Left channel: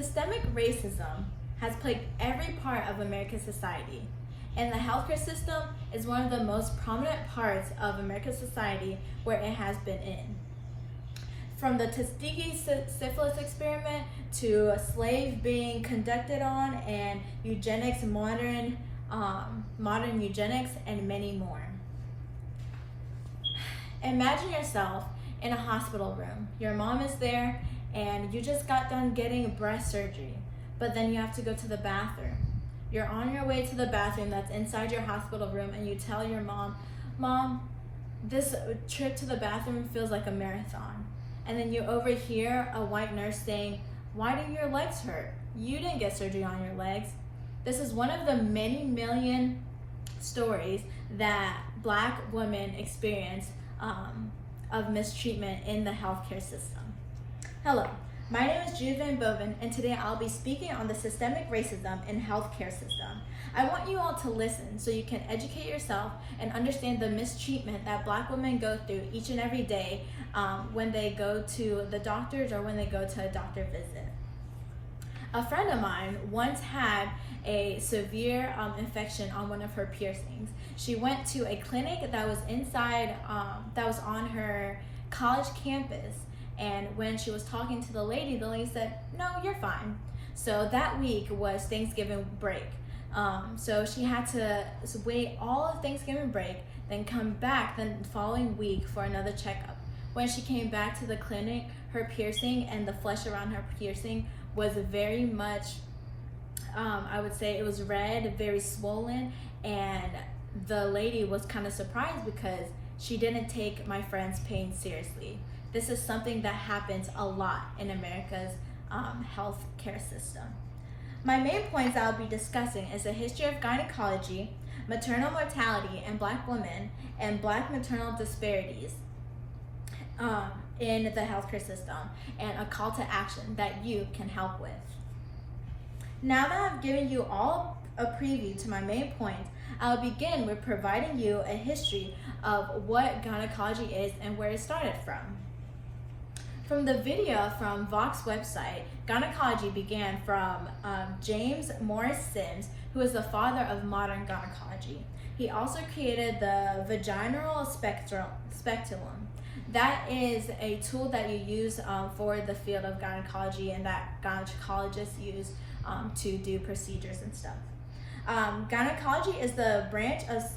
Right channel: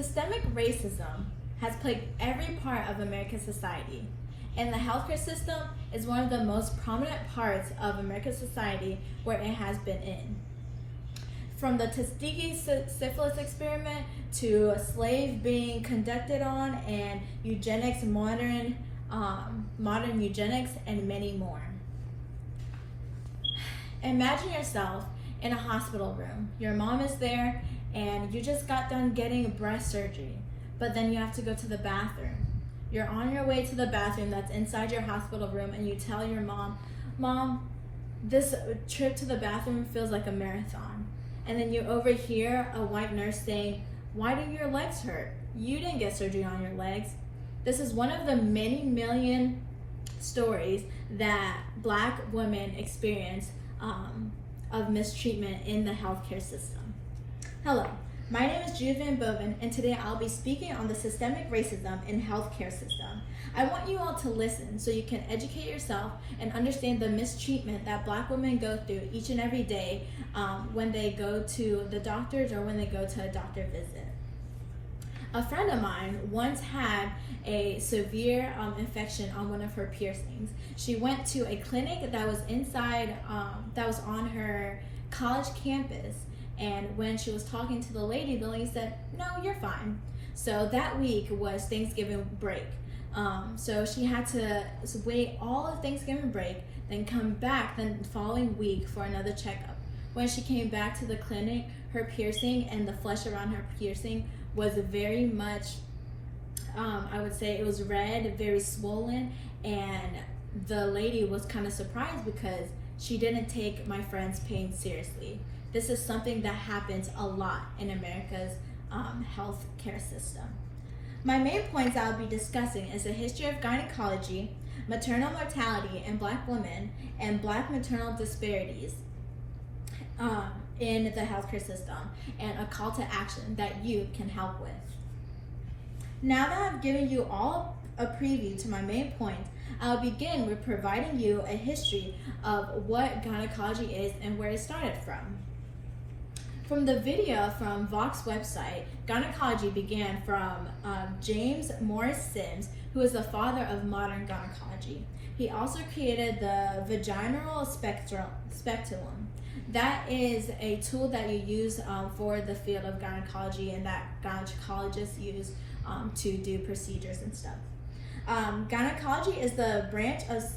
Systemic racism has plagued every part of American society, and the healthcare system is one of the most prominent parts of American society where it has been in. From the Tuskegee syphilis experiment to slave being conducted on and eugenics, modern eugenics, and many more. Imagine yourself in a hospital room. Your mom is there and you just got done getting breast surgery, but then you have to go to the bathroom. You're on your way to the bathroom that's inside your hospital room and you tell your Mom, this trip to the bathroom feels like a marathon. And then you overhear a white nurse saying, "Why do your legs hurt? You didn't get surgery on your legs." This is one of the many million stories that Black women experience of mistreatment in the healthcare system. Hello, my name is Jude Van Boven, and today I'll be speaking on the systemic racism in healthcare system. I want you all to listen so you can educate yourself and understand the mistreatment that Black women go through each and every day when they go to the doctors or when they go to a doctor visit. A friend of mine once had a severe infection on one of her piercings. She went to a clinic that was that was on her college campus, and when she was talking to the lady said, "No, you're fine." So that week was Thanksgiving break. So she had to wait all of Thanksgiving break, then come back the following week for another checkup. When she came back to the clinic, her piercing and the flesh around her piercing was very much, I would say it was red, very swollen, and the lady was kind of surprised because she didn't take my friend's pain seriously. This is something that happens a lot in America's healthcare system. My main points I'll be discussing is the history of gynecology, maternal mortality in Black women, and Black maternal disparities in the healthcare system, and a call to action that you can help with. Now that I've given you all a preview to my main point, I'll begin with providing you a history of what gynecology is and where it started from. From the video from Vox website, gynecology began from James Morris Sims, who is the father of modern gynecology. He also created the vaginal speculum. That is a tool that you use for the field of gynecology and that gynecologists use to do procedures and stuff. Gynecology is the branch of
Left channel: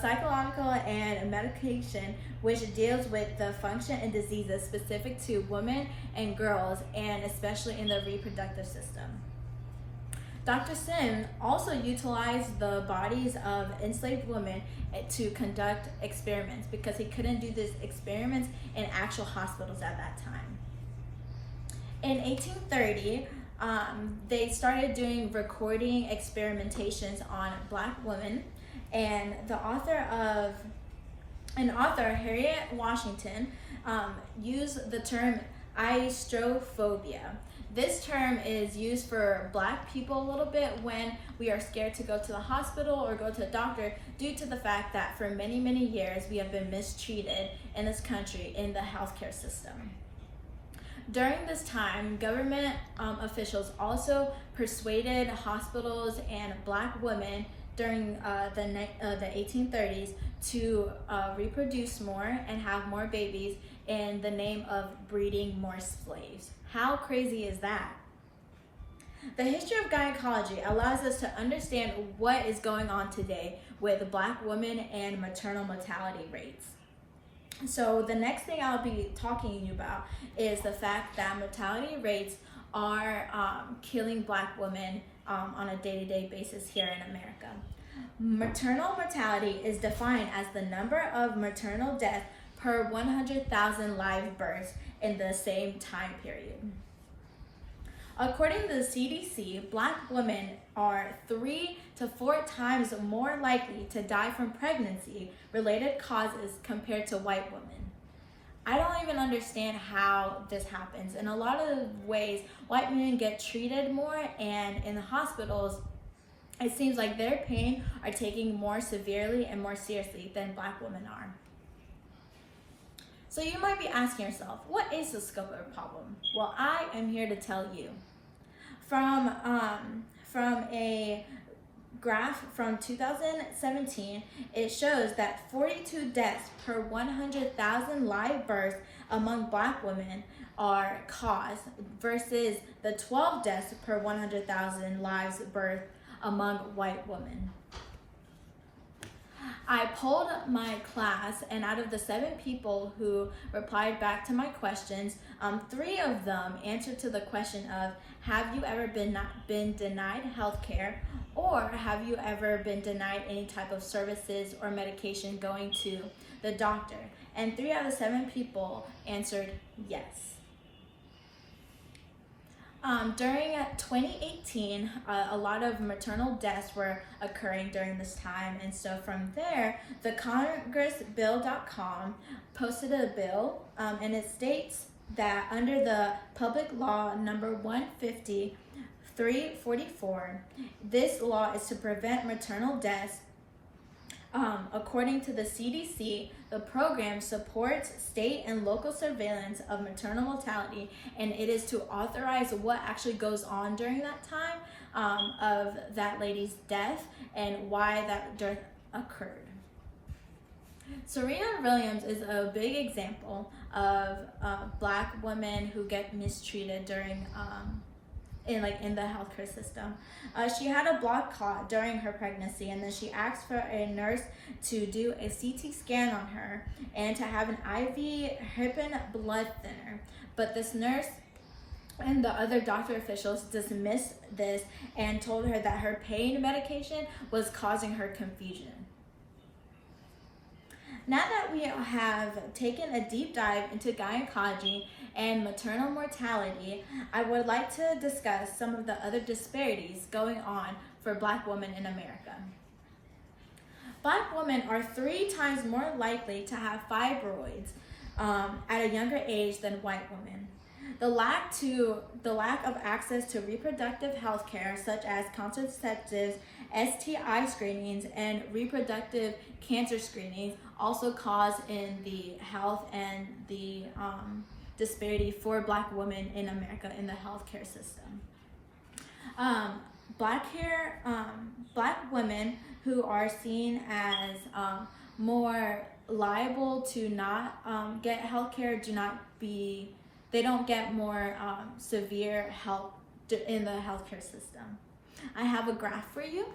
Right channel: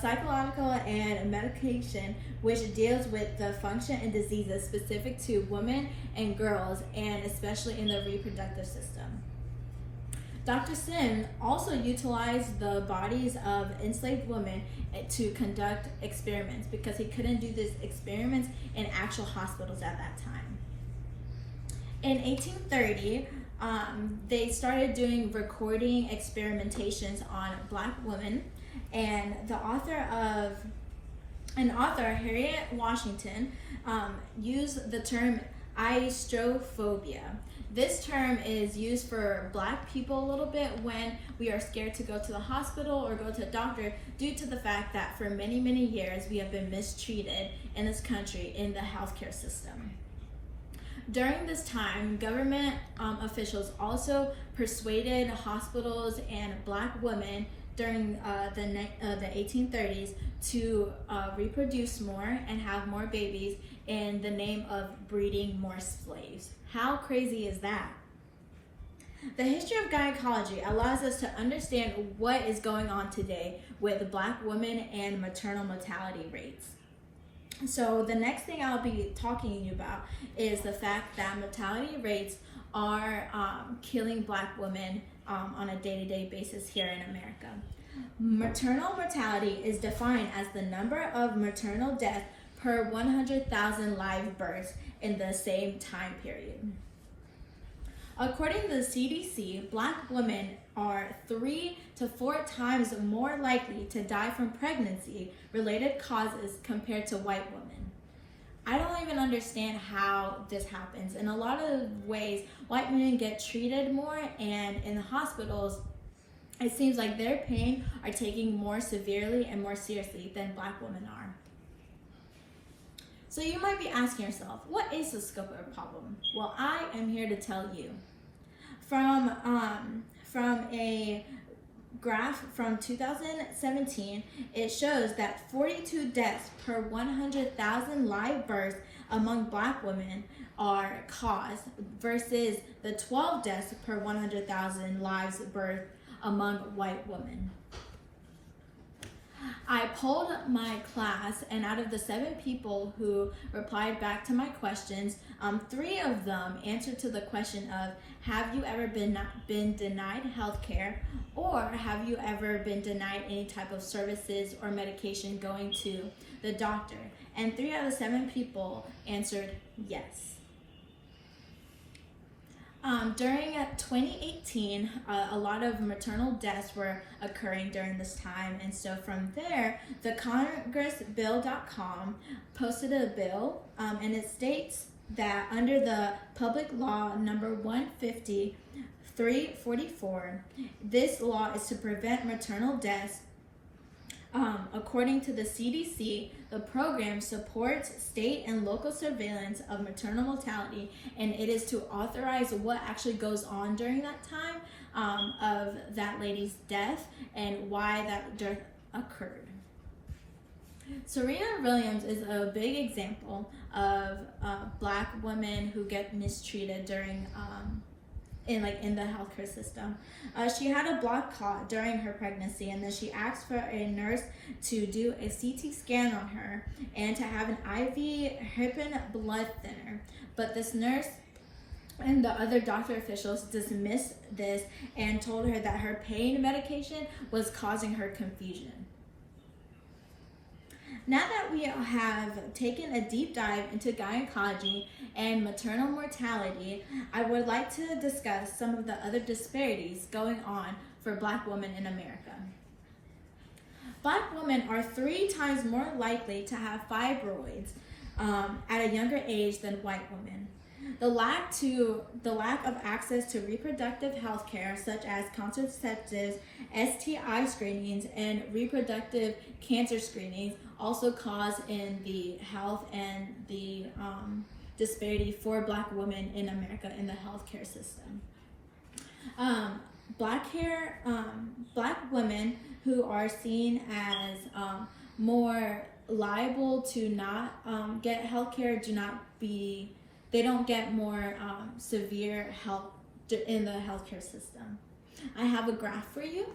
psychological and medication which deals with the function and diseases specific to women and girls, and especially in the reproductive system. Dr. Sim also utilized the bodies of enslaved women to conduct experiments because he couldn't do these experiments in actual hospitals at that time. In 1830, they started doing recording experimentations on Black women, and Harriet Washington, used the term aistrophobia. This term is used for Black people a little bit when we are scared to go to the hospital or go to a doctor due to the fact that for many, many years we have been mistreated in this country in the healthcare system. During this time, government officials also persuaded hospitals and Black women during the 1830s to reproduce more and have more babies in the name of breeding more slaves. How crazy is that? The history of gynecology allows us to understand what is going on today with Black women and maternal mortality rates. So the next thing I'll be talking to you about is the fact that mortality rates are killing Black women on a day-to-day basis here in America. Maternal mortality is defined as the number of maternal deaths per 100,000 live births in the same time period. According to the CDC, Black women are 3 to 4 times more likely to die from pregnancy-related causes compared to white women. I don't even understand how this happens. In a lot of ways, white women get treated more, and in the hospitals, it seems like their pain are taken more severely and more seriously than Black women are. So you might be asking yourself, what is the scope of the problem? Well, I am here to tell you. From a graph from 2017, it shows that 42 deaths per 100,000 live births among Black women are caused versus the 12 deaths per 100,000 lives birthed among white women. I polled my class, and out of the 7 people who replied back to my questions, 3 of them answered to the question of, have you ever been denied health care, or have you ever been denied any type of services or medication going to the doctor? And 3 out of 7 people answered yes. During 2018, a lot of maternal deaths were occurring during this time, and so from there, the congressbill.com posted a bill, and it states that under the Public Law number 150/344, this law is to prevent maternal deaths. According to the CDC, the program supports state and local surveillance of maternal mortality, and it is to authorize what actually goes on during that time of that lady's death and why that death occurred. Serena Williams is a big example of Black women who get mistreated during in the healthcare system. She had a blood clot during her pregnancy, and then she asked for a nurse to do a CT scan on her and to have an IV heparin blood thinner. But this nurse and the other doctor officials dismissed this and told her that her pain medication was causing her confusion. Now that we have taken a deep dive into gynecology and maternal mortality, I would like to discuss some of the other disparities going on for Black women in America. Black women are 3 times more likely to have fibroids at a younger age than white women. The lack of access to reproductive health care, such as contraceptives, STI screenings, and reproductive cancer screenings, also cause in the health and the disparity for Black women in America in the healthcare system. Black women who are seen as more liable to not get healthcare they don't get more severe help in the healthcare system. I have a graph for you.